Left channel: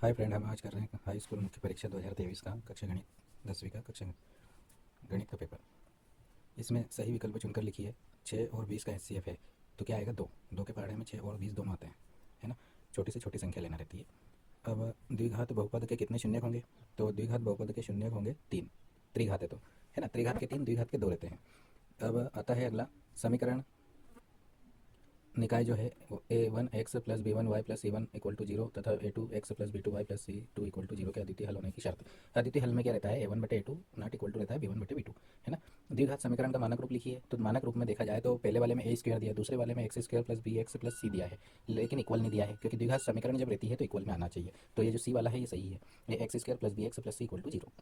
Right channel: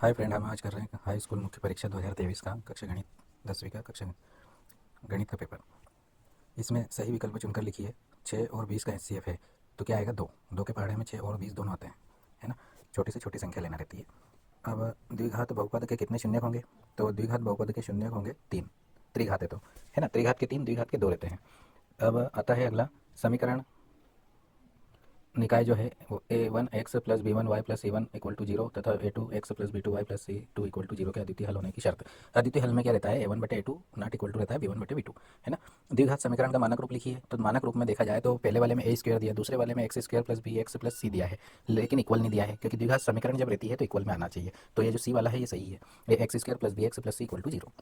Hi friend, हम आज कर रहे हैं हाई स्कूल मुख्य परीक्षा 2023 का कक्षा गणित 10वीं का कक्षा गणित का पेपर। इसमें सही विकल्प चुनकर लिखिए। 6 और 20 का एचसीएफ है तो क्या आएगा? 2। 2 के पहाड़े में 6 और 20 दोनों आते हैं, है ना। छोटी से छोटी संख्या लेना रहती है। अब द्विघात बहुपद के कितने शून्यक होंगे? तो द्विघात बहुपद के शून्यक होंगे 3। त्रिघात है तो, है ना, त्रिघात के 3, द्विघात के 2 रहते हैं। अब आता है अगला समीकरण। निकाय जो है वो a1x plus b1y plus c1 equal to zero तथा a2x plus b2y plus c2 equal to zero के अद्वितीय हल होने की शर्त। अद्वितीय हल में क्या रहता है? a1/a2 नॉट इक्वल टू रहता है b1/b2, है ना। द्विघात समीकरण का मानक रूप लिखिए। तो मानक रूप में देखा जाए तो पहले वाले में a स्क्वायर दिया, दूसरे वाले में X square plus B X plus C दिया है, लेकिन इक्वल नहीं दिया है, क्योंकि द्विघात समीकरण जब रहती है तो इक्वल में आना चाहिए। तो ये जो सी वाला है ये सही है, ये X square plus B X plus C equal to zero.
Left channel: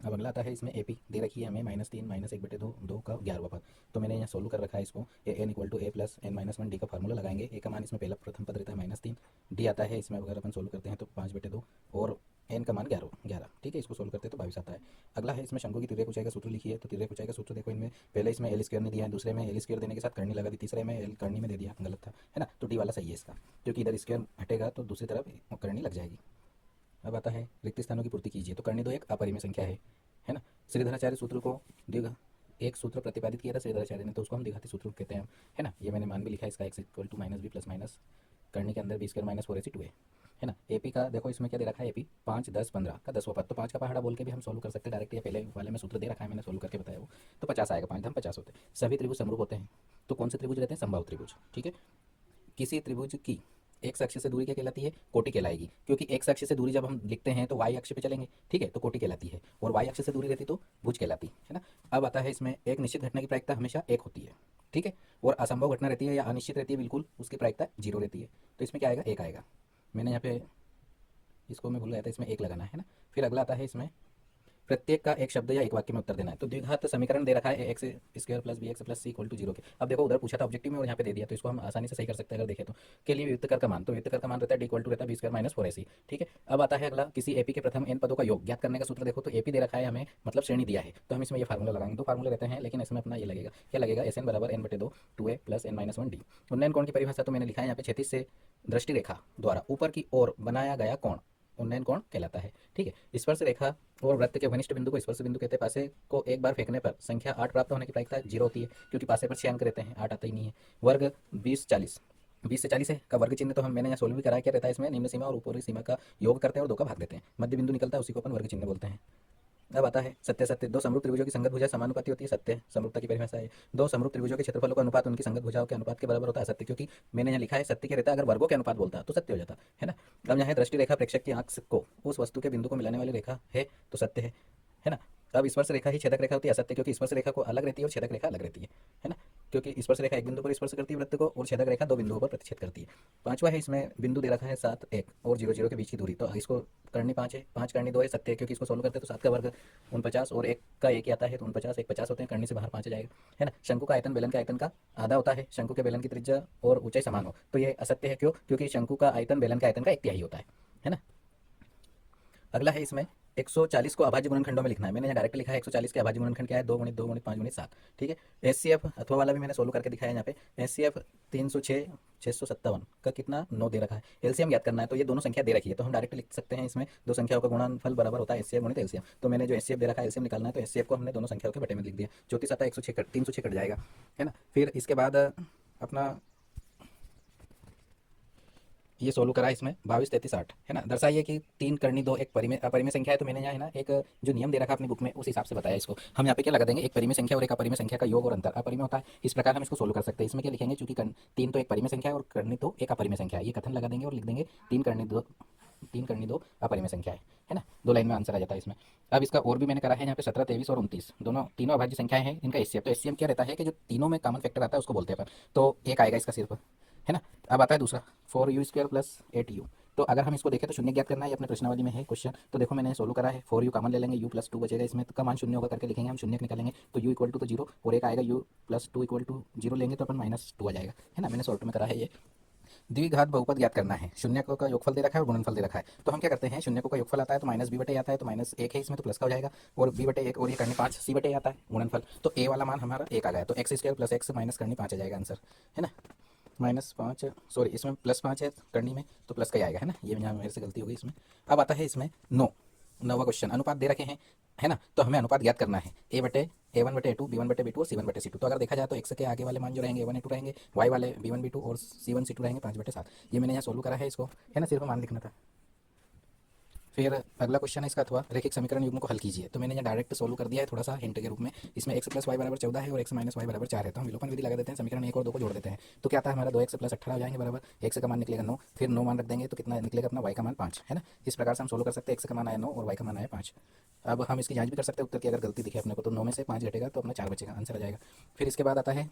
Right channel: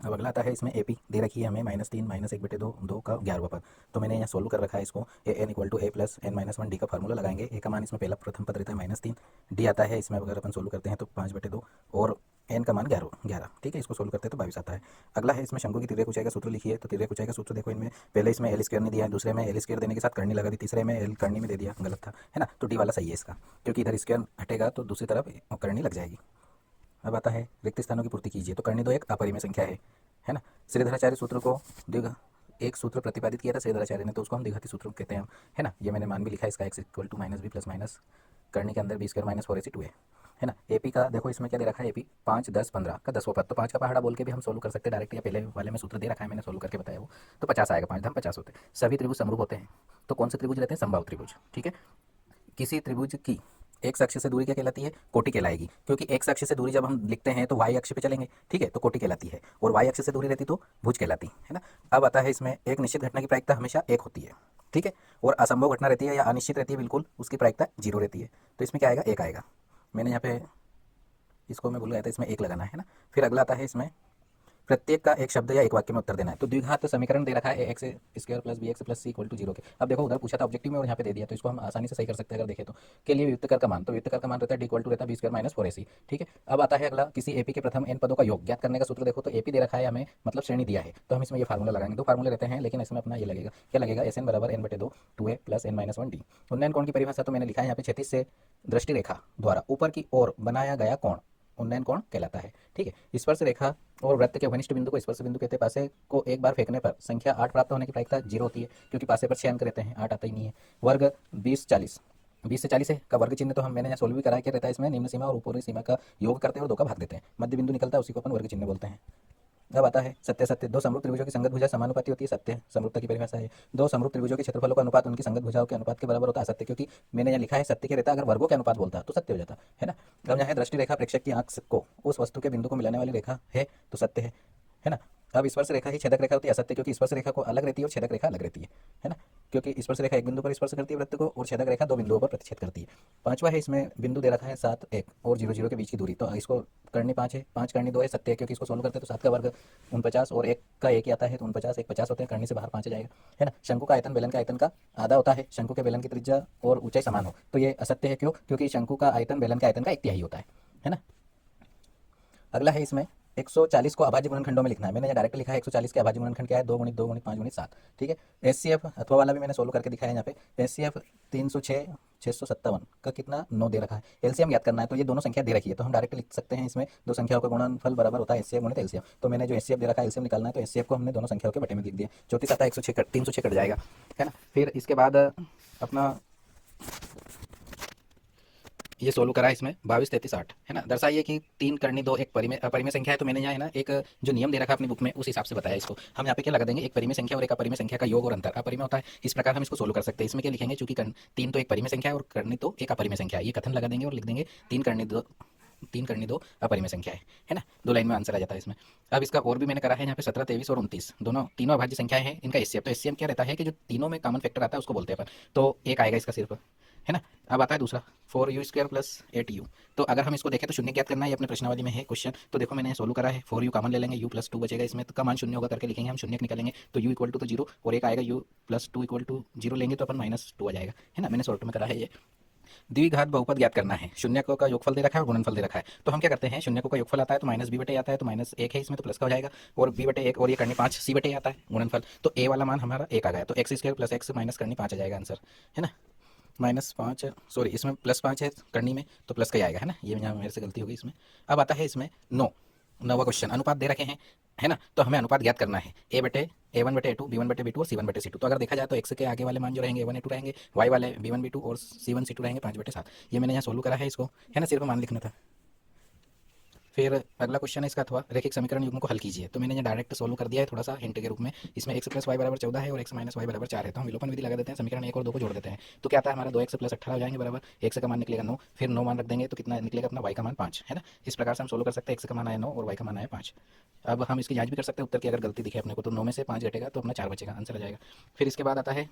अब अगला आता है, इसमें ए पी दे रखी है हमें -3 -1/2 2 का 11वां पद। तो मैंने यहाँ सोल्व कर रखा है इसको। A N equal to A plus N minus one D का फार्मूला लगाएंगे। ए का मान इसमें पहला प्रथम पद रहता है -3, डी आता है इसमें अगर अपन सोल्व करते हैं तो 5/2 और एन का मान 11। ठीक है, इसको सोल्व करते हैं तो 22 आता है। अगला है इसमें शंकु की तिर्यक ऊंचाई का सूत्र लिखिए। तो तिर्यक ऊंचाई का सूत्र देखो, इनमें पहले इसमें एल स्क्वायर नहीं दिया है, दूसरे में एल स्क्वायर देने के साथ करनी लगा दी, तीसरे में एल करनी में दे दिया, गलत था, है ना। तो डी वाला सही है इसका, क्योंकि इधर स्क्वायर हटेगा तो दूसरी तरफ करनी लग जाएगी। अब आता है रिक्त स्थानों की पूर्ति कीजिए। तो करनी तो एक अपरिमेय संख्या है ना। श्रीधराचार्य सूत्र को द्विघा एक सूत्र प्रतिपादित किया था श्रीधराचार्य ने, तो उसको हम द्विघाती सूत्र कहते हैं, है ना। ये मैंने मान भी लिखा है इसका, X equal to minus B plus minus करने के अंदर बी स्क्वायर माइनस 4ac2 है ना। एपी का देखो, इसमें क्या दे रखा है? एपी 5 10 15 का 10वां पद। तो 5 का पहाड़ा बोल के भी हम सोल्व कर सकते हैं डायरेक्ट, या पहले वाले में सूत्र दे रखा है मैंने सोल्व करके बताया वो। तो 50 आएगा, 5 धम 50 होते हैं। सभी त्रिभुज समरूप होते हैं। तो कौन से त्रिभुज रहते हैं? समबाहु त्रिभुज। ठीक है, किसी त्रिभुज की एक्स अक्ष से दूरी क्या कहलाती है? कोटि कहलाएगी, क्योंकि एक्स अक्ष से दूरी जब हम लिखते हैं तो वाई अक्ष पे चलेंगे, ठीक है, तो कोटि कहलाती है। और वाई अक्ष से दूरी रहती तो भुज कहलाती है ना। अब आता है इसमें एक निश्चित घटना की प्रायिकता हमेशा 1 होती है, ठीक है, और असंभव घटना रहती है या अनिश्चित रहती है बिल्कुल, उसकी प्रायिकता 0 रहती है। तो इसमें क्या आएगा? 1 आएगा। मैंने यहाँ पे इसको मैं भूल गया था, इसमें 1 लगाना है ना। फिर अगला आता है इसमें प्रत्येक का एक शब्द या एक वाक्य में उत्तर देना है। तो द्विघात समीकरण दे रखा है X square plus B X plus C equal to zero के। अब देखो, उधर पूछा था ऑब्जेक्टिव में और यहाँ पे दे दिया, तो इसको हम आसानी से सही कर सकते हैं अगर देखें तो। के लिए व्युत्तर कर का मान, तो व्युत्तर कर का मान रहता है डी इक्वल टू रहता है बी स्क्वायर माइनस 4ac। ठीक है, अब आता है अगला, किसी एपी के प्रथम एन पदों का योग ज्ञात करने का सूत्र। देखो, तो एपी दे रखा है हमें, मतलब श्रेणी दिया है, तो हम इसमें ये फार्मूला लगाएंगे। दो फार्मूले रहते हैं, लेकिन इसमें अपना ये लगेगा, क्या लगेगा? एस एन बराबर एन बटे दो 2a plus N minus one D. उन्नयन कोण की परिभाषा तो मैंने लिखा है यहाँ पे, क्षैतिज से दृष्टि रेखा द्वारा ऊपर की ओर बनाया गया कोण उन्नयन कोण कहलाता है। ठीक है, स्पर्श रेखा और वृत्त के घनिष्ठ बिंदु को स्पर्श बिंदु कहते हैं। पासे को एक बार फेंकने पर संख्या 8 प्राप्त होने की प्रायिकता 0 होती है, क्योंकि पासे पर 6 अंक रहते हैं, 8 आता ही नहीं है। वर्ग 20 40, 20 से 40 है का वर्ग चिन्ह, तो हम मैंने यहाँ सोल्व भी करा, क्या रहता है इसमें? निम्न सीमा और ऊपरी सीमा का योग करते हैं और 2 का भाग देते हैं, मध्य बिंदु निकलता है, उसी को अपन वर्ग चिन्ह बोलते हैं। अब आता है सत्य सत्य। दो समरूप त्रिभुजों की संगत भुजा समानुपाती होती है, सत्य समरूपता की परिभाषा है। दो समरूप त्रिभुजों के क्षेत्रफलों का अनुपात उनकी संगत भुजाओं के अनुपात के बराबर होता है, असत्य, क्योंकि मैंने यहाँ लिखा है सत्य के रहता, अगर वर्गों के अनुपात बोलता तो सत्य हो जाता, है ना। अब यहाँ दृष्टि रेखा प्रेक्षक की आंख को उस वस्तु के बिंदु को मिलाने वाली रेखा है, तो सत्य है ना। अब स्पर्श रेखा ही छेदक रेखा होती है, असत्य, क्योंकि स्पर्श रेखा को अलग रहती है और छेदक रेखा अलग रहती है ना। क्योंकि स्पर्श रेखा एक बिंदु पर स्पर्श करती है वृत्त को, और छेदक रेखा 2 बिंदुओं पर प्रतिच्छेद करती है। पांचवा है, इसमें बिंदु दे रखा है 7 1 और 0 0 के बीच की दूरी। तो इसको करनी 5 है, 5 करनी 2 है, सत्य है, क्योंकि इसको सोल्व करते हैं तो 7 का वर्ग 49 और 1 का 1 ही आता है, तो 49 1 50 होते हैं, करनी से बाहर 5 आ जाएगा, है ना। शंकु का आयतन बेलन के आयतन का आधा होता है। शंकु के बेलन की त्रिज्या और ऊंचाई समान हो तो ये असत्य है, क्यों? क्योंकि शंकु का आयतन बेलन के आयतन का 1/3 होता है ना। अगला है, इसमें 140 को अभाज्य गुणनखंडों में लिखना है। मैंने यहाँ डायरेक्ट लिखा है 140 के अभाज्य गुणनखंड क्या है? 2 गुणित 2 गुणित 5 गुणित 7। ठीक है, एचसीएफ अथवा वाला भी मैंने सोल्व करके दिखाया है यहाँ पे। एचसीएफ 306 657 का कितना? 9 दे रखा है। एलसीएम ज्ञात करना है, तो ये दोनों संख्या दे रखी है, तो हम डायरेक्ट लिख सकते हैं इसमें, दो संख्याओं का गुणनफल बराबर होता है एचसीएफ गुणित एलसीएम। तो मैंने जो एचसीएफ दे रखा है, एलसीएम निकालना है, तो एचसीएफ को हमने दोनों संख्याओं के बटे में लिख दिया। 34 आता है, 106 306 कट जाएगा, है ना। फिर इसके बाद अपना ये सोल्व करा, इसमें 22 33 8, है ना। दर्शाइए कि 3 करनी 2 एक परिमेय अपरिमेय संख्या है। तो मैंने यहाँ है ना एक जो नियम दे रखा है अपनी बुक में, उस हिसाब से बताया इसको। हम यहाँ पे क्या लगा देंगे? एक परिमेय संख्या और एक अपरिमेय संख्या का योग और अंतर अपरिमेय होता है, इस प्रकार हम इसको सोल्व कर सकते हैं। इसमें क्या लिखेंगे? चूंकि 3 तो एक परिमेय संख्या है और करनी तो एक अपरिमेय संख्या है, ये कथन लगा देंगे और लिख देंगे 3 करनी दो अपरिमेय संख्या है ना। 2 लाइन में आंसर आ जाता है इसमें। अब इसका और भी मैंने करा है यहाँ पे 17 23 और 29 दोनों तीनों अभाज्य संख्याएं हैं, इनका एचसीएफ। तो एचसीएफ क्या रहता है कि जो तीनों में कॉमन फैक्टर आता है उसको बोलते हैं अपन, तो एक आएगा इसका सिर्फ, है ना। अब आता है दूसरा 4u² प्लस 8u। तो अगर हम इसको देखें तो शून्य ज्ञात करना है, ये अपने प्रश्नावली में है क्वेश्चन। तो देखो मैंने सोल्व करा है, 4u कॉमन ले लेंगे, u प्लस 2 बचेगा इसमें, तो का मान शून्य होगा करके लिखेंगे, हम शून्य निकालेंगे तो u इक्वल टू तो 0 और एक आएगा u प्लस 2 इक्वल टू 0 लेंगे तो अपन -2 आ जाएगा, है ना। मैंने शॉर्ट में करा है ये। द्विघात बहुपद ज्ञात करना है, शून्यकों का योगफल दे रखा है और गुणनफल दे रखा है। तो हम क्या करते हैं, शून्यकों का योगफल आता है तो -b/a आता है, तो -1 है इसमें, तो प्लस का हो जाएगा, और b/1 और ये करनी 5 c/a आता है गुणनफल। तो a वाला मान हमारा 1 आ गया, तो x² प्लस x माइनस करनी 5 आ जाएगा आंसर, है ना। -5, सॉरी इसमें +5 है करनी में, तो प्लस का ही आएगा, है ना, ये यहाँ मेरे से गलती हो गई इसमें। अब आता है इसमें 9वां क्वेश्चन, अनुपात दे रखे हैं, है ना, तो हमें अनुपात ज्ञात करना है A/A1/A2, B1/B2 और C1/C2। तो अगर देखा जाए तो x के आगे वाले मान जो रहेंगे A1 A2 रहेंगे, y वाले B1 B2 और C1 C2 रहेंगे 5/7। ये मैंने यहाँ सोल्व करा है इसको, है ना, सिर्फ मान लिखना था। फिर अगला क्वेश्चन है इसका, अथवा रैखिक समीकरण युग्म को हल कीजिए। तो मैंने यहाँ डायरेक्ट सोल्व कर दिया है थोड़ा सा हिंट के रूप में। इसमें x + y = 14 है और x - y = 4 है, तो हम विलोपन विधि लगा देते हैं, समीकरण 1 और 2 को जोड़ देते हैं। तो क्या आता है हमारा, 2x + 18 हो जाएंगे बराबर, x का मान निकलेगा 9, फिर 9 मान रख देंगे तो कितना निकलेगा अपना, y का मान 5, है ना। इस प्रकार से हम सोल्व कर सकते हैं, x का मान आया 9 और y का मान आया 5। अब हम इसकी जांच भी कर सकते हैं उत्तर की, अगर गलती दिखे अपने को तो 9 में से 5 घटेगा तो अपना 4 बचेगा, आंसर आ जाएगा। फिर इसके बाद आता है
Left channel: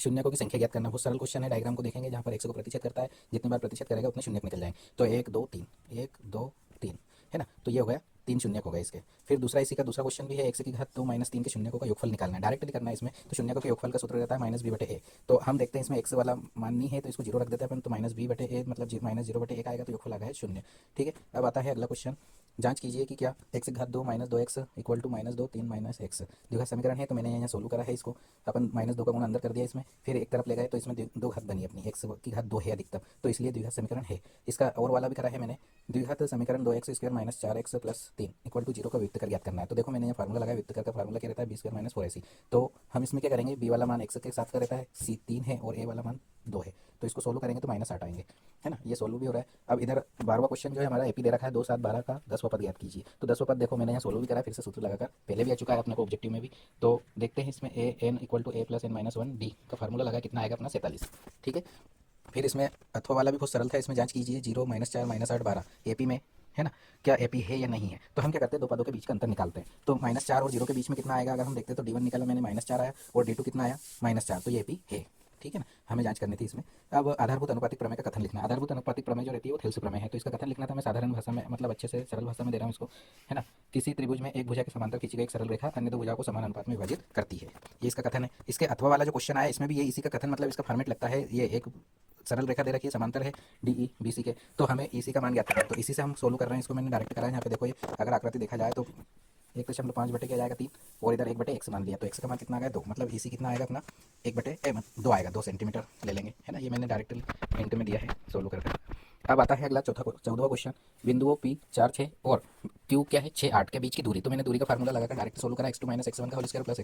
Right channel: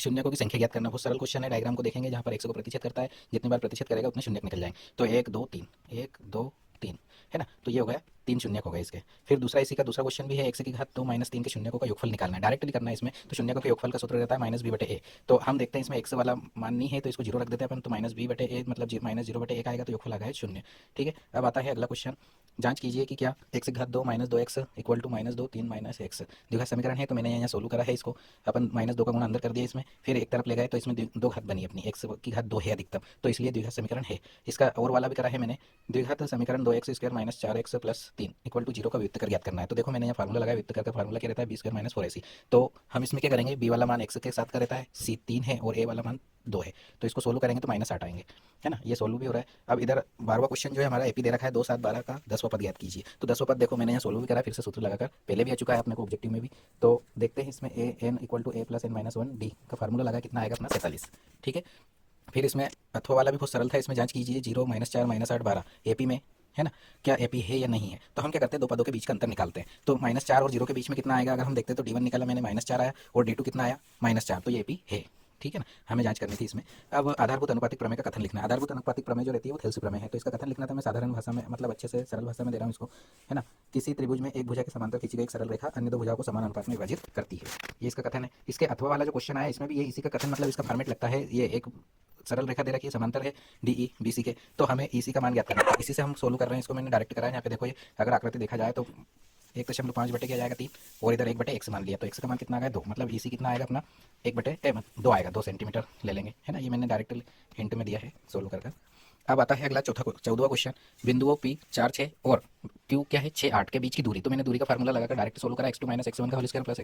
शून्यकों की संख्या ज्ञात करना। बहुत सरल क्वेश्चन है, डायग्राम को देखेंगे, जहाँ पर 100 को प्रतिशत करता है, जितनी बार प्रतिशत करेगा उतने शून्य निकल जाएंगे। तो 1 2 3, 1 2 3, है ना, तो ये हो गया 3 शून्यक हो गए इसके। फिर दूसरा इसी का दूसरा क्वेश्चन भी है, x की घात 2 - 3 के शून्यकों का योगफल निकालना है, डायरेक्टली करना है इसमें। तो शून्यकों के योगफल का सूत्र रहता है -b/a। तो हम देखते हैं इसमें x वाला मान नहीं है तो इसको 0 रख देते हैं अपन, तो -b/a मतलब -0/1 आएगा, तो योगफल आ गया 0, ठीक है। अब आता है अगला क्वेश्चन, जांच कीजिए कि क्या x की घात 2 - 2x = -2 3 - x द्विघात समीकरण है। तो मैंने यहाँ सोल्व करा है इसको, अपन -2 का गुणा अंदर कर दिया इसमें, फिर एक तरफ ले गए तो इसमें दो घात बनी अपनी, x की घात 2 है अधिकतम, तो इसलिए द्विघात समीकरण है। इसका और वाला भी करा है मैंने, द्विघात समीकरण 2x² - 4x + 3 = 0 का व्युत्तर ज्ञात करना है। तो देखो मैंने यहाँ फार्मूला लगाया, व्युत्तर का फार्मूला क्या रहता है, b² - 4ac। तो हम इसमें क्या करेंगे, b वाला मान x के साथ का रहता है, c 3 है और a वाला मान 2 है, तो इसको सोल्व करेंगे तो -8 आएंगे, है ना, ये सोल्व भी हो रहा है। अब इधर 12वां क्वेश्चन जो है हमारा, एपी दे रखा है 2 7 12 का 10वां पद ज्ञात कीजिए। तो 10वां पद देखो मैंने यहाँ सोल्व भी करा, फिर से सूत्र लगाकर, पहले भी आ चुका है अपने को ऑब्जेक्टिव में भी। तो देखते हैं इसमें an = a + n - 1 d का फार्मूला लगा, कितना आएगा अपना 47, ठीक है। फिर इसमें अथवा वाला भी बहुत सरल था, इसमें जांच कीजिए 0 - 4 - 8 12 एपी में, है ना, क्या एपी है या नहीं है। तो हम क्या करते हैं, दो पदों के बीच का अंतर निकालते हैं। तो -4 और 0 के बीच में कितना आएगा, अगर हम देखते हैं तो d1 निकाला मैंने, -4 आया, और d2 कितना आया, -4, तो ये एपी है, ठीक है ना, हमें जांच करनी थी इसमें। अब आधारभूत अनुपातिक प्रमेय का कथन लिखना है। आधारभूत अनुपातिक प्रमेय जो रहती है वो थेल्सी प्रमेय है, तो इसका कथन लिखना था मैं साधारण भाषा में, मतलब अच्छे से सरल भाषा में दे रहा हूँ इसको, है ना। किसी त्रिभुज में एक भुजा के समांतर खींची गई एक सरल रेखा अन्य दो भुजाओं को समान अनुपात में विभाजित करती है, ये इसका कथन है। इसके अथवा वाला जो क्वेश्चन आया इसमें भी ये इसी का कथन, मतलब इसका फॉर्मेट लगता है। ये एक सरल रेखा दे रखी है, समांतर है डी ई बी सी के, तो हमें इसी का मान ज्ञात करना है। इसी से हम सोल्व कर रहे हैं इसको, मैंने डायरेक्ट करा है। यहाँ पे देखो, ये अगर आकृति देखा जाए तो 1.5 बटे क्या जाएगा 3, और इधर 1/x मान लिया, तो x का मान कितना आ गया 2, मतलब इसी कितना आएगा अपना 1/2 आएगा, 2 सेंटीमीटर ले लेंगे, है ना। ये मैंने डायरेक्ट हिंट में दिया है सोल्व कर। अब आता है अगला 14वां क्वेश्चन, बिंदुओं P 4 6 और Q क्या है 6 8 के बीच की दूरी। तो मैंने दूरी का फार्मूला लगाकर डायरेक्ट सोल्व करा, x2 - x1 का whole square plus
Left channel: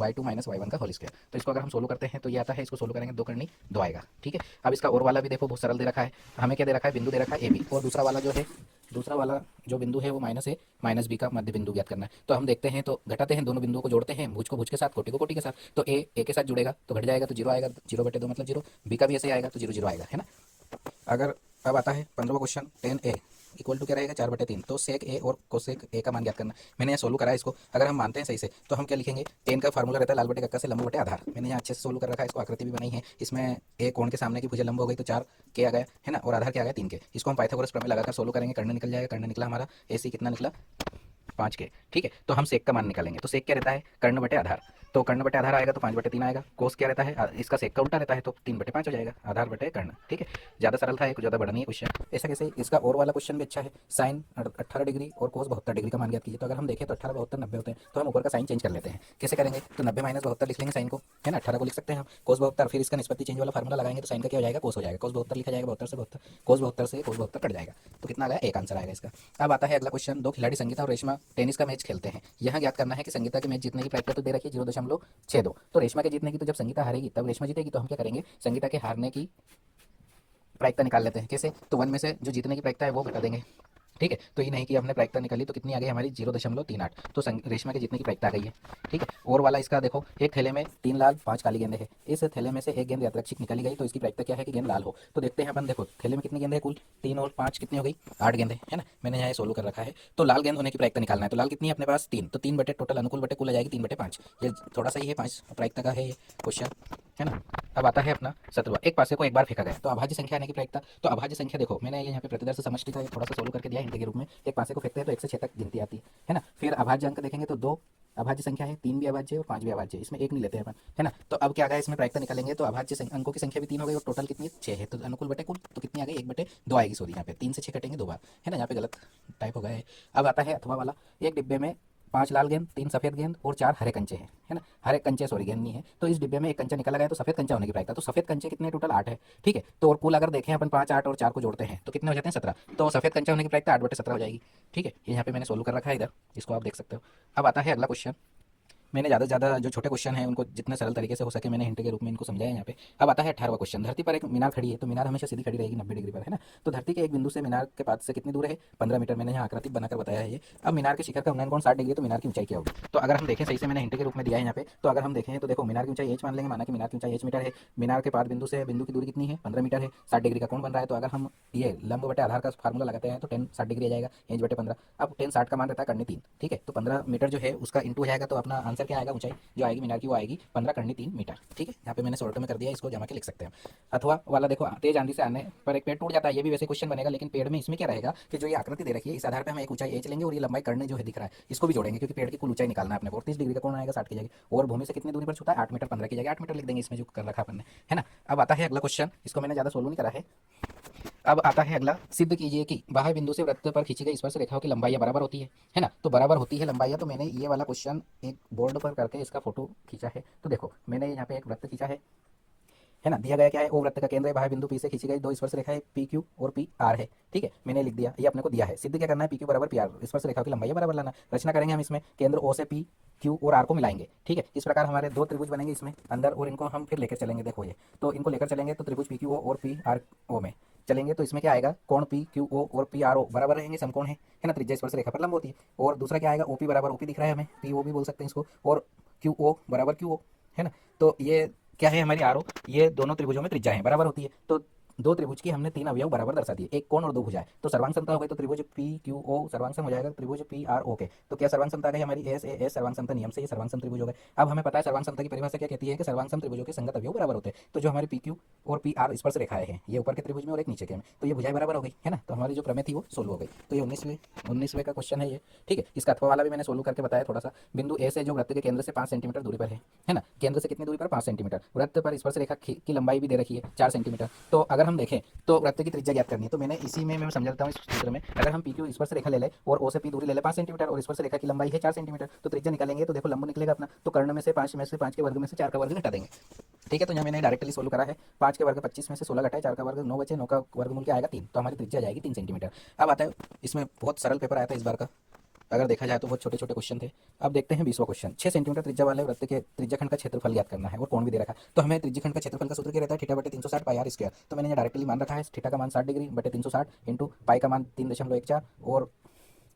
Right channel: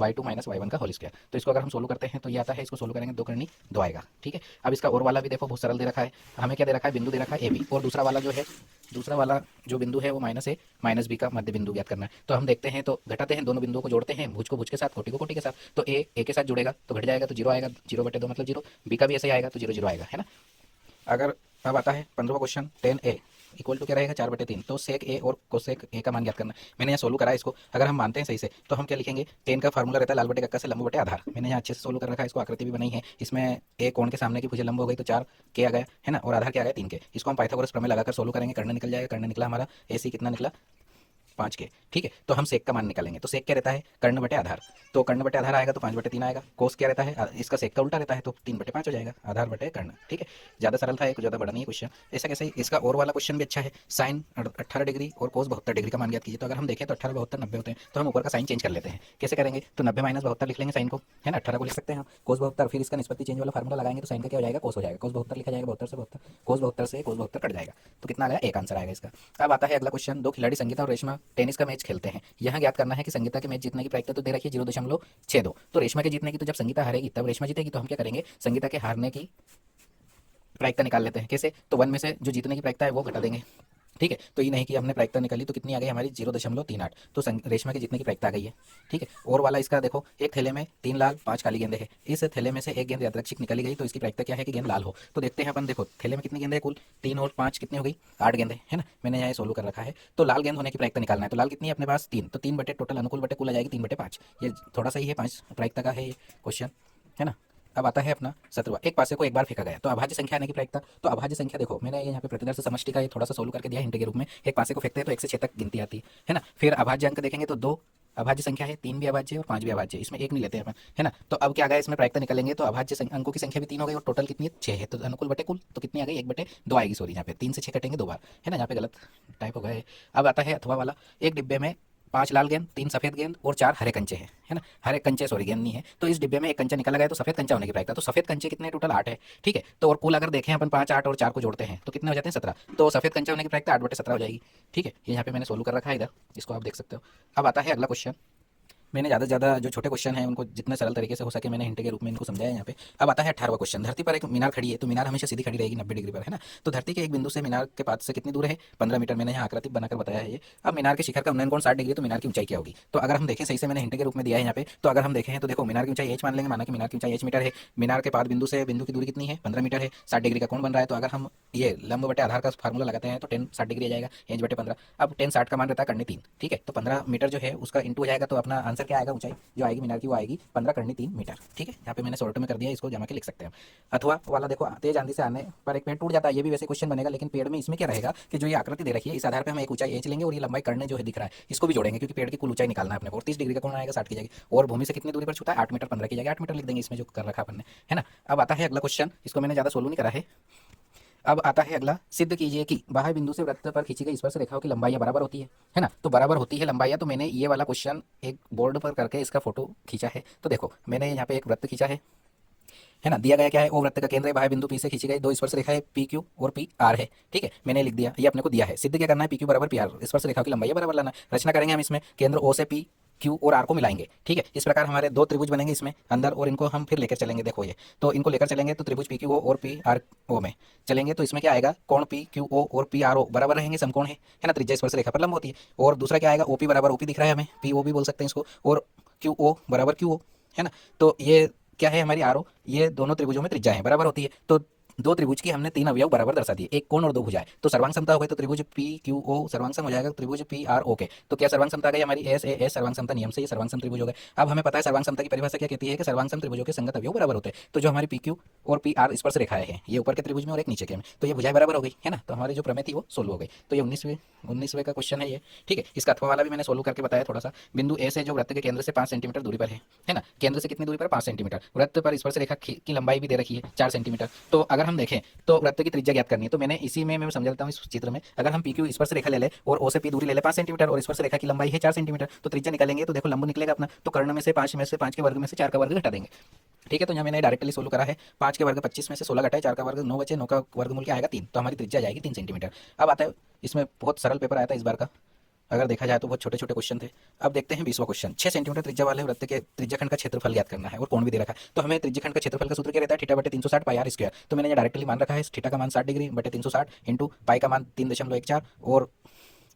y2 - y1 का होल स्क्वायर। तो इसको अगर हम सोल्व करते हैं तो ये आता है, इसको सोल्व करेंगे 2 करनी 2 आएगा, ठीक है। अब इसका और वाला भी देखो बहुत सरल दे रखा है, हमें क्या दे रखा है, बिंदु दे रखा है AB, और दूसरा वाला जो है, दूसरा वाला जो बिंदु है वो -a -b का मध्य बिंदु ज्ञात करना है। तो हम देखते हैं, तो घटाते हैं, दोनों बिंदुओं को जोड़ते हैं, भुज को भुज के साथ, कोटि को कोटि के साथ। तो a के साथ जुड़ेगा तो घट जाएगा, तो 0 आएगा, 0/2 मतलब 0, b का भी ऐसे ही आएगा तो 0 0 आएगा, है ना। अगर अब आता है 15वां क्वेश्चन, tan a = क्या रहेगा 4/3। तो sec a और cosec a का मान ज्ञात करना। मैंने यहाँ सोल्व करा है इसको, अगर हम मानते हैं सही से तो हम क्या लिखेंगे, tan का फार्मूला रहता है लाल बटे कक्का से लंब बटे आधार। मैंने यहाँ अच्छे से सोल्व कर रखा है इसको, आकृति भी बनी है इसमें। a कोण के सामने की भुजा लंब हो गई तो 4 के आ गया, है ना, और आधार क्या आ गया 3 के। इसको हम पाइथागोरस प्रमेय लगाकर सोल्व करेंगे, कर्ण निकल जाएगा, कर्ण निकला हमारा AC कितना निकला 5 के, ठीक है। तो हम सेक का मान निकालेंगे, तो सेक क्या रहता है, कर्ण बटे आधार। तो कर्ण बटे आधार आएगा तो 5/3 आएगा। कोस क्या रहता है, इसका सेक का उल्टा रहता है, तो 3/5 हो जाएगा, आधार बटे कर्ण, ठीक है। ज़्यादा सरल था, एक ज़्यादा बड़ा नहीं है क्वेश्चन। ऐसा कैसे, इसका और वाला क्वेश्चन भी अच्छा है, साइन 18 डिग्री और कोस 72 डिग्री का मान ज्ञात कीजिए। तो अगर हम देखें तो 18 72 90 होते हैं, तो हम ऊपर का साइन चेंज कर लेते हैं। कैसे करेंगे, तो 90 - 72 लिख लेंगे साइन को, है ना, 18 को लिख सकते हैं हम, कोस 72, फिर इसका निष्पत्ति चेंज वाला फार्मूला लगाएंगे तो साइन का क्या हो जाएगा, कोस हो जाएगा, कोस 72 लिखा जाएगा, 72 से 72, कोस 72 से कोस 72 कट जाएगा, तो कितना आ गया, एक आंसर आएगा इसका। अब आता है अगला क्वेश्चन, दो खिलाड़ी संगीता और रेशमा टेनिस का मैच खेलते हैं। यहाँ ज्ञात करना है कि संगीता के मैच जीतने की प्रायिकता तो दे रखी है 0.62, तो रेशमा के जीतने की, तो जब संगीता हारेगी तब रेशमा जीतेगी। तो हम क्या करेंगे, संगीता के हारने की प्रायिकता निकाल लेते हैं। कैसे, तो 1 में से जो जीतने की प्रायिकता है वो घटा देंगे, ठीक है। तो ये नहीं कि हमने प्रायिकता निकाली तो कितनी आ गई हमारी 0.38, तो रेशमा के जीतने की प्रायिकता आ गई है, ठीक है। और वाला इसका देखो, एक थैले में 3 लाल 5 काली गेंदें हैं, इस थैले में से एक गेंद यादृच्छिक निकाली गई, तो इसकी प्रायिकता क्या है कि गेंद लाल हो। तो देखते हैं अपन, देखो थैले में कितनी गेंदें कुल 3 और 5 कितनी हो गई 8 गेंदें, है ना। मैंने यहाँ सोल्व कर रखा है, तो लाल गेंद होने की प्रायिकता निकालना है। तो लाल कितनी है अपने पास 3, तो 3 बटे टोटल अनुकूल बटे कुल आ जाएगी 3/5। ये थोड़ा सा ही है, 5 प्रायिकता का है ये क्वेश्चन, है ना। अब आता है अपना 17वां, एक पासे को एक बार फेंका गया तो अभाज्य संख्या आने की प्रायिकता। तो अभाज्य संख्या देखो मैंने यहाँ पे प्रतिदर्श समष्टि का ये थोड़ा सा सोल्व करके दिया हिंट के रूप में। एक पासे को फेंकते हैं तो 1 से 6 तक गिनती आती है ना। फिर अभाज्य अंक देखेंगे तो 2 अभाज्य संख्या है, 3 भी अभाज्य और 5 भी अभाज्य, इसमें 1 नहीं लेते हैं, है ना। तो अब क्या आ गया, इसमें प्रायिकता निकलेंगे तो अभाज्य अंकों की संख्या भी 3 हो गई और टोटल कितनी है 6 है, तो अनुकूल बटे कुल तो कितनी आ गई 1/2 आएगी, सॉरी यहाँ पे 3 से 6 कटेंगे 2 बार, है ना, यहाँ पे गलत टाइप हो गया है। अब आता है अथवा वाला, एक डिब्बे में 5 लाल गेंद, 3 सफ़ेद गेंद और 4 हरे कंचे हैं, है ना। हरे कंचे, सॉरी गेंद नहीं है। तो इस डिब्बे में एक कंचा निकला गया तो सफ़ेद कंचा होने की प्रायिकता, तो सफ़ेद कंचे कितने टोटल 8 है, ठीक है। तो और कुल अगर देखें अपन 5, 8 और 4 को जोड़ते हैं तो कितने हो जाते हैं 17। तो सफ़ेद कंचा होने की प्रायिकता 8/17 हो जाएगी, ठीक है। ये यहाँ पे मैंने सोल्व कर रखा है इधर, इसको आप देख सकते हो। अब आता है अगला क्वेश्चन। मैंने ज़्यादा से ज़्यादा जो छोटे क्वेश्चन हैं उनको जितना सरल तरीके से हो सके मैंने हिंट के रूप में इनको समझाया यहाँ पे। अब आता है 18वां क्वेश्चन। धरती पर एक मीनार खड़ी है, तो मीनार हमेशा सीधी खड़ी रहेगी 90 डिग्री पर, है ना। तो धरती के एक बिंदु से मीनार के पाद से कितनी दूर है, 15 मीटर। मैंने यहाँ आकृति बनाकर बताया है ये। अब मीनार के शिखर का उन्नयन कोण 60 डिग्री है, तो मीनार की ऊंचाई क्या होगी। तो अगर हम देखें, सही से मैंने हिंट के रूप में दिया है यहाँ पे। तो अगर हम देखें तो देखो मीनार की ऊंचाई h मान लेंगे, माना कि मीनार की ऊंचाई h मीटर है। मीनार के पाद बिंदु से बिंदु की दूरी कितनी है, 15 मीटर है। 60 डिग्री का कोण बन रहा है। तो अगर हम ये लंब बटे आधार का फार्मूला लगाते हैं तो 10 60 डिग्री आ जाएगा, h/15। अब 10 60 का मान रहता है करनी 3, ठीक है। तो 15 मीटर जो है उसका इंटू हो जाएगा, तो अपना आंसर क्या आएगा, ऊंचाई जो आएगी मीनार की वो आएगी 15 × 3 मीटर, ठीक है। यहाँ पे मैंने शॉर्ट में कर दिया, इसको जमा के लिख सकते हैं। अथवा वाला देखो, तेज आंधी से आने पर एक पेड़ टूट जाता है, ये भी वैसे क्वेश्चन बनेगा, लेकिन पेड़ में इसमें क्या रहेगा कि जो ये आकृति दे रखी है इस आधार पे हम एक ऊंचाई h लेंगे और ये लंबाई करने जो है दिख रहा है इसको भी जोड़ेंगे, क्योंकि पेड़ की कुल ऊंचाई निकालना है अपने को। 30 डिग्री का कोण आएगा 60 की जगह, और भूमि से कितनी दूरी पर छूता है 8 मीटर, 15 की जगह 8 मीटर लिख देंगे इसमें जो कर रखा अपन ने, है ना। अब आता है अगला क्वेश्चन, इसको मैंने ज़्यादा सोल्व नहीं करा है। अब आता है अगला, सिद्ध कीजिए कि बाह्य बिंदु से वृत्त पर खींची गई स्पर्श रेखाओं की लंबाई बराबर होती है ना। तो बराबर होती है लंबाई। तो मैंने ये वाला क्वेश्चन एक बोर्ड पर करके इसका फोटो खींचा है। तो देखो मैंने यहाँ पे एक वृत्त खींचा है ना। दिया गया क्या है, वो वृत्त का केंद्र है, बाह्य बिंदु P से खींची गई 2 स्पर्श रेखा है PQ और PR है, ठीक है। मैंने लिख दिया, ये अपने को दिया है। सिद्ध क्या करना है, PQ बराबर PR, स्पर्श रेखा की लंबाई बराबर लाना। रचना करेंगे हम इसमें, केंद्र O से P, Q और R को मिलाएंगे, ठीक है। इस प्रकार हमारे 2 त्रिभुज बनेंगे इसमें अंदर, और इनको हम फिर लेकर चलेंगे। देखो ये, तो इनको लेकर चलेंगे तो त्रिभुज PQO और PRO में चलेंगे, तो इसमें क्या आएगा, कोण PQO और PRO बराबर रहेंगे, समकोण है ना। त्रिज्या स्पर्श रेखा पर लंब होती है। और दूसरा क्या आएगा, OP बराबर OP दिख रहा है हमें, PO भी बोल सकते हैं इसको, और QO बराबर QO, है ना। तो ये क्या है हमारी आर ओ, ये दोनों त्रिभुजों में त्रिज्या है बराबर होती है। तो 2 त्रिभुज की हमने 3 अवयव बराबर दर्शा दिए, एक कोण और 2 भुजाएं। तो सर्वांग समता हो गई, तो त्रिभुज PQO सर्वांग सम हो जाएगा त्रिभुज PRO के। तो क्या सर्वांग समता आ गई हमारी, SAS सर्वांग समता नियम से ये सर्वांग सम त्रिभुज हो गए। अब हमें पता है सर्वांग समता की परिभाषा क्या कहती है कि सर्वांग सम त्रिभुजों के संगत अवयव बराबर होते हैं। तो जो हमारी PQ और PR स्पर्श रेखाएं हैं, ये ऊपर के त्रिभुज में और एक नीचे के में, तो ये भुजाएं बराबर हो गई, है ना। तो हमारी जो प्रमेय थी वो सोल्व हो गई। तो ये 19वें का क्वेश्चन है ये, ठीक है। इसका अथवा वाला भी मैंने सोल्व करके बताया थोड़ा सा। बिंदु ए से जो वृत्त के केंद्र से 5 सेंटीमीटर दूरी पर है ना, केंद्र से कितनी दूरी पर, 5 सेंटीमीटर। वृत्त पर स्पर्श रेखा की लंबाई भी दे रखी है 4 सेंटीमीटर। तो अगर हम देखें तो वृत्त की त्रिज्या ज्ञात करनी है, तो मैंने इसी में मैं समझाता हूँ इस चित्र में। अगर हम PQ स्पर्श रेखा ले ले और O से P दूरी ले ले 5 सेंटीमीटर, और स्पर्श रेखा की लंबाई है 4 सेंटीमीटर, तो त्रिज्या निकालेंगे तो देखो लंब निकलेगा अपना। तो कर्ण में से 5 के वर्ग में से 4 का वर्ग घटा देंगे, ठीक है। तो यहाँ मैंने डायरेक्टली सोल्व करा है। 5 के वर्ग 25 में से 16 घटाए, 4 का वर्ग 9 बचे, 9 का वर्गमूल क्या आएगा 3। तो हमारी त्रिज्या जाएगी 3 सेंटीमीटर। अब आता है, इसमें बहुत सरल पेपर आया था इस बार का, अगर देखा जाए तो बहुत छोटे छोटे क्वेश्चन थे। अब देखते हैं 20वां क्वेश्चन। 6 सेंटीमीटर त्रिज्या वाले वृत्त के त्रिज्याखंड का क्षेत्रफल ज्ञात करना है और कोण भी दे रखा है। तो हमें त्रिज्याखंड का क्षेत्रफल का सूत्र क्या रहता है, थीटा बटे 360 पाई आर स्क्वायर। तो मैंने ये डायरेक्टली मान रखा है, थीटा का मान 60 डिग्री बटे 360 इंटू पाई का मान 3.14 और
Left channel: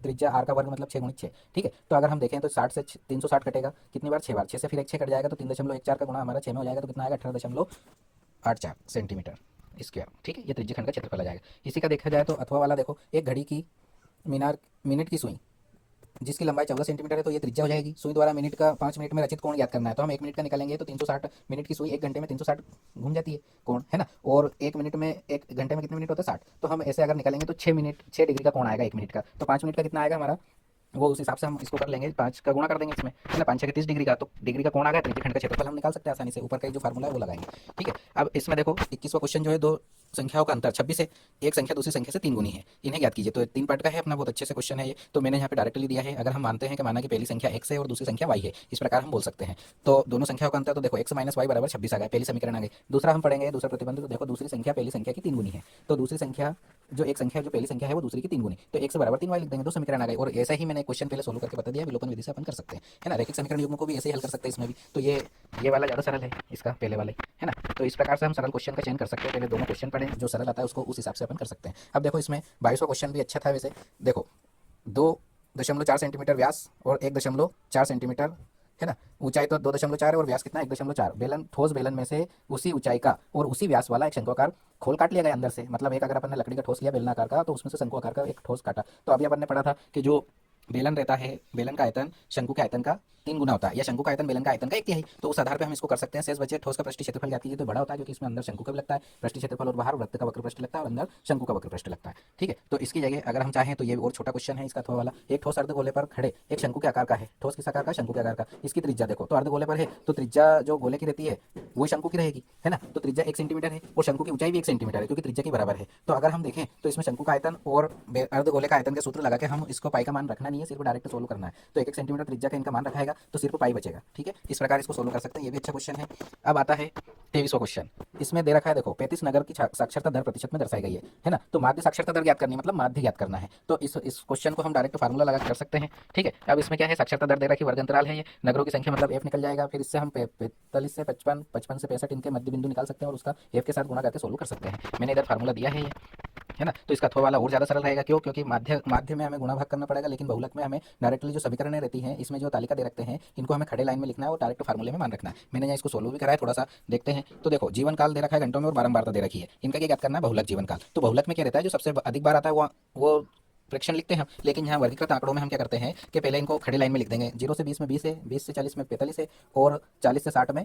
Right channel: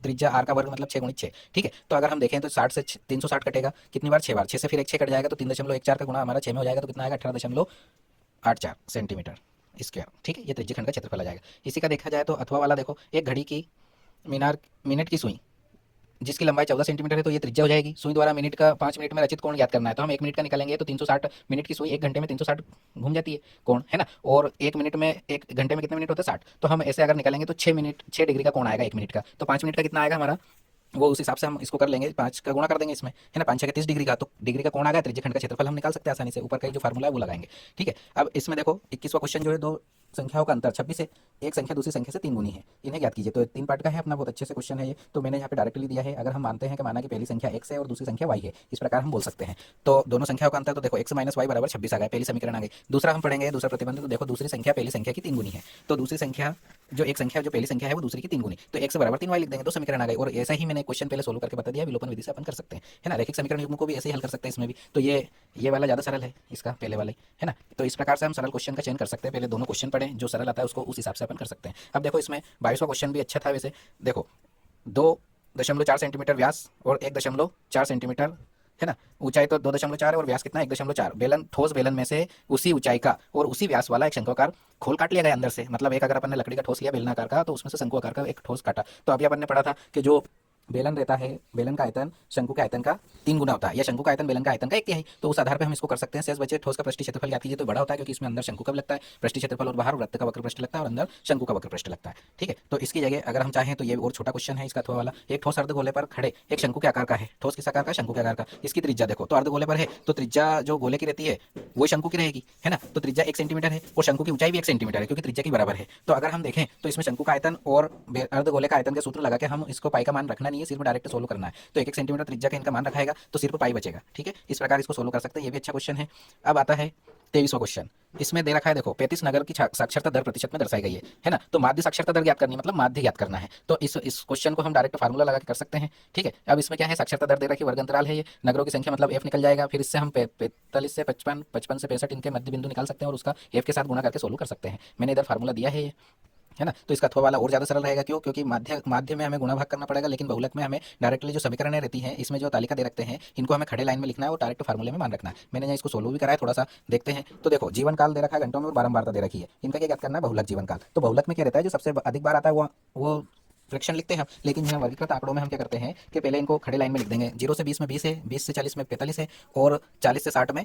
त्रिज्या आर का वर्ग मतलब 6 × 6, ठीक है। तो अगर हम देखें तो 60 से 360 कटेगा कितनी बार, 6 बार। 6 से फिर एक 6 कट जाएगा, तो 3.14 का गुणा हमारा 6 में हो जाएगा, तो कितना आएगा 18.84 सेंटीमीटर स्क्वायर, ठीक है। ये त्रिज्याखंड का क्षेत्रफल आ जाएगा। इसी का देखा जाए तो अथवा वाला देखो, एक घड़ी की मीनार मिनट की सुई जिसकी लंबाई 14 सेंटीमीटर है, तो ये त्रिज्या हो जाएगी। सुई द्वारा मिनट का 5 मिनट में रचित कोण याद करना है, तो हम 1 मिनट का निकालेंगे तो 360 मिनट की सुई 1 घंटे में 360 घूम जाती है कोण, है ना। और 1 मिनट में 1 घंटे में कितने मिनट होते हैं 60। तो हम ऐसे अगर निकालेंगे तो 6 डिग्री का कोण आएगा 1 मिनट का। तो 5 मिनट का कितना आएगा हमारा, वो उस हिसाब से हम इसको कर लेंगे, 5 का गुणा कर देंगे इसमें, है ना। 5 6 30 डिग्री का, तो डिग्री का कोण आ गया, त्रिज्याखंड का क्षेत्रफल हम निकाल सकते हैं आसानी से। ऊपर का जो फार्मूला है वो लगाएंगे, ठीक है। अब इसमें देखो 21वां क्वेश्चन जो है, 2 संख्याओं का अंतर 26 से एक संख्या दूसरी संख्या से 3 गुनी है, इन्हें ज्ञात कीजिए। तो 3 पार्ट का है अपना, बहुत अच्छे से क्वेश्चन है ये। तो मैंने यहाँ पे डायरेक्टली दिया है, अगर हम मानते हैं कि माना कि पहली संख्या x है और दूसरी संख्या y है, इस प्रकार हम बोल सकते हैं। तो दोनों संख्याओं का अंतर, तो देखो x - y बराबर 26 आ गया, पहली समीकरण आ गई। दूसरा हम पढ़ेंगे दूसरा प्रतिबंध, तो देखो दूसरी संख्या पहली संख्या की 3 गुनी है, तो दूसरी संख्या जो एक संख्या जो पहली संख्या है वो दूसरी की 3 गुनी, तो x बराबर 3y लिख देंगे, 2 समीकरण आ गए। और ऐसे ही मैंने क्वेश्चन पहले सोल्व करके बता दिया, विलोपन विधि से अपन कर सकते हैं, है ना। रैखिक समीकरण युग्म को भी ऐसे ही हल कर सकते हैं इसमें भी। तो ये वाला ज़्यादा सरल है इसका, पहले वाले, है ना। तो इस प्रकार से हम सरल क्वेश्चन का चयन कर सकते हैं। पहले दोनों क्वेश्चन पढ़ें, जो सरल आता है उसको उस हिसाब से अपन कर सकते हैं। अब देखो इसमें 22वां क्वेश्चन भी अच्छा था वैसे। देखो 2.4 सेंटीमीटर व्यास और 1.4 सेंटीमीटर, है ना। ऊंचाई तो 2.4 है और व्यास कितना है 1.4। बेलन, ठोस बेलन में से उसी ऊंचाई का और उसी व्यास वाला एक शंक्वाकार खोल काट लिया गया अंदर से। मतलब एक अगर अपन ने लकड़ी का ठोस लिया बेलनाकार का, तो उसमें से शंक्वाकार का एक ठोस काटा। तो अभी अपन ने पढ़ा था कि जो बेलन रहता है, बेलन का आयतन शंकु के आयतन का 3 गुना होता है, या शंकु का आयतन बेलन का आयतन का 1/3। तो उस आधार पे हम इसको कर सकते हैं। शेष बचे ठोस का पृष्ठीय क्षेत्रफल ज्ञात कीजिए, तो बड़ा होता है क्योंकि इसमें अंदर शंकु का लगता है पृष्ठीय क्षेत्रफल, और बाहर वृत्त का वक्र पृष्ठ लगता है और अंदर शंकु का वक्र पृष्ठ लगता है, ठीक है। तो इसकी जगह अगर हम चाहें तो ये और छोटा क्वेश्चन है इसका अथवा वाला। एक ठोस अर्धगोले पर खड़े एक शंकु के आकार का है, ठोस किस आकार का, शंकु के आकार का। इसकी त्रिज्या देखो, तो अर्धगोले पर है तो त्रिज्या जो गोले की रहती है वो शंकु की रहेगी, है ना। तो त्रिज्या 1 सेंटीमीटर है और शंकु की ऊंचाई भी 1 सेंटीमीटर है, क्योंकि त्रिज्या की बराबर है। तो अगर हम देखें तो इसमें शंकु का आयतन और अर्धगोले का आयतन का सूत्र लगा के हम इसको पाई का मान रखना नहीं नहीं है, सिर्फ डायरेक्ट सोल्व करना है। तो 1 सेंटीमीटर त्रिज्या का इनका मान रखाएगा तो सिर्फ पाई बचेगा। ठीक है, इस प्रकार इसको सोल्व कर सकते हैं, ये भी अच्छा क्वेश्चन है। अब आता है 23वां क्वेश्चन। इसमें दे रखा है, देखो 35 नगर की साक्षरता दर प्रतिशत में दर्शाई गई है ना। तो माध्य साक्षरता दर ज्ञात करनी है, मतलब माध्य ज्ञात करना है। तो इस क्वेश्चन को हम डायरेक्ट फार्मूला लगा कर सकते हैं। ठीक है, अब इसमें क्या है, साक्षरता दर दे रखी, वर्ग अंतराल है ये, नगरों की संख्या मतलब एफ निकल जाएगा। फिर इससे हम 45 से 55, 55 से 65 इनके मध्य बिंदु निकाल सकते हैं और उसका एफ के साथ गुणा करके सोल्व कर सकते हैं। मैंने इधर फार्मूला दिया है ये, है ना। तो इसका अथवा वाला और ज़्यादा सरल रहेगा, क्यों? क्योंकि माध्य में हमें गुणा भाग करना पड़ेगा, लेकिन बहुलक में हमें डायरेक्टली जो समीकरणें रहती हैं, इसमें जो तालिका दे रखते हैं, इनको हमें खड़े लाइन में लिखना है और डायरेक्ट फार्मूले में मान रखना है। मैंने यहाँ इसको सोल्व भी कराया, थोड़ा सा देखते हैं। तो देखो जीवन काल दे रखा है घंटों में और बारंबारता दे रखी है, इनका क्या ज्ञात करना है, बहुलक जीवन काल। तो बहुलक में क्या रहता है, जो सबसे अधिक बार आता है वो फ्रैक्शन लिखते हैं हम, लेकिन यहाँ वर्गीकृत आंकड़ों में हम क्या करते हैं कि पहले इनको खड़े लाइन में लिख देंगे। 0 से 20 में 20 है, 20 से 40 में 45 है, और 40 से 60 में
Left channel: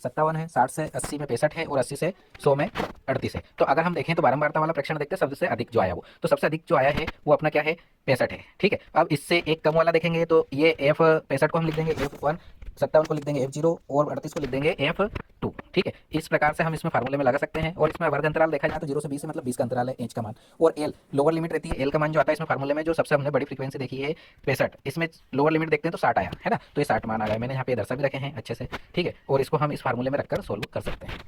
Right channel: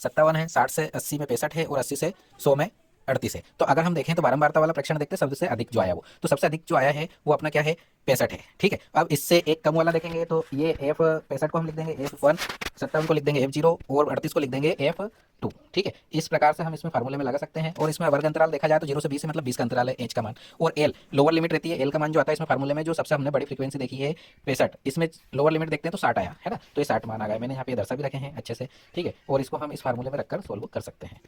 57 है, 60 से 80 में 65 है, और 80 से 100 में 38 है। तो अगर हम देखें तो बारंबारता वाला प्रश्न देखते हैं, सबसे अधिक जो आया वो, तो सबसे अधिक जो आया है वो अपना क्या है, 65 है। ठीक है, अब इससे एक कम वाला देखेंगे तो ये F 65 को हम लिख देंगे F1, 57 को लिख देंगे F0, और 38 को लिख देंगे F2। ठीक है, इस प्रकार से हम इसमें फार्मूले में लगा सकते हैं। और इसमें वर्ग अंतराल देखा जाए तो 0 से 20 है, मतलब 20 का अंतराल है, H का मान। और L लोअर लिमिट रहती है, L का मान जो आता है इसमें फार्मूले में, जो सबसे हमने बड़ी फ्रीक्वेंसी देखी है 65, इसमें लोअर लिमिट देखते हैं तो 60 आया, है ना। तो ये 60 मान आ गया, मैंने यहाँ पे दर्शा भी रखे हैं अच्छे से। ठीक है, और इसको हम इस फार्मूले में रखकर सोल्व कर सकते हैं।